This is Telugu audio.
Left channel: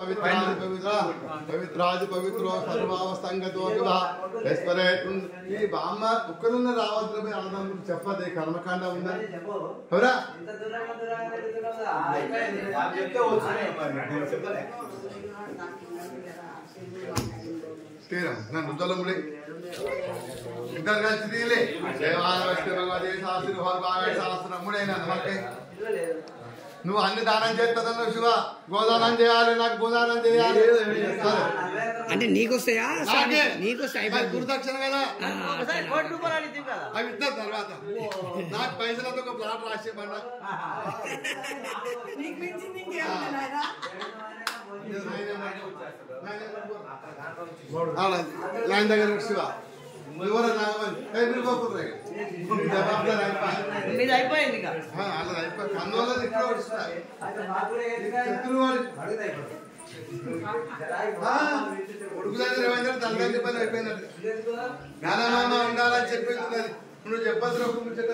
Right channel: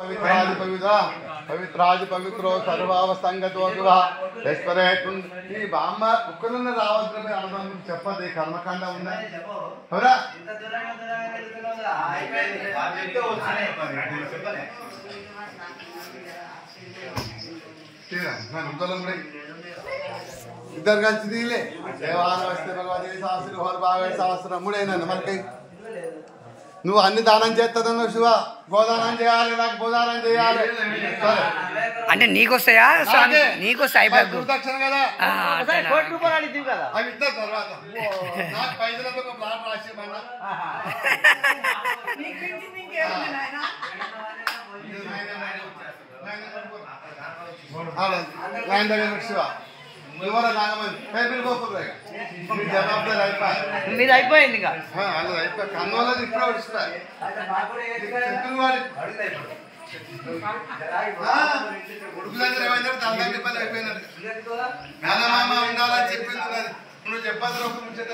पवित्राज पवित्र पवित्राज पवित्रो सर्वावस्थंगतो दुहा रेस्टोरेंट ఈ బామ్మ కుక్కలున్న రావద్రమే ఆనందం చెప్పదే కర్మకాండ ఉందా అవురా ఇంత దూరంగా చెప్తే వచ్చేనే తీరా నేను ఉదలముడే ఇద్దరు కలిసి తీలే దేవాన వస్తే భగవతి శాస్త్రి హోర్ బాగా శాస్త్రం ముడేన మనకి నువ్వు అన్ని దానం చేస్తావు శివ గోదానం చేయాలి నాకు భూదానం చేయాలి అంటే నీకొస్తాయా నీకొస్తాయి గురుదక్షిణ కదా అవి ఇస్తారు తర్వాత నాకు పైసలతో ఒక ప్లాట్ రాసేమన్నా లైన్ దగ్గర శివ మీది అయిపోయింది కన్నోళ్ళది ఇప్పుడే వస్తాయి ఉడుకు దగ్గర ఏమైనా దాని దగ్గర పని అయిపోయినట్టు నాన్నమామ ఉండాలని చెప్పింది నువ్వు చెప్పద్దు ఒక ముచ్చట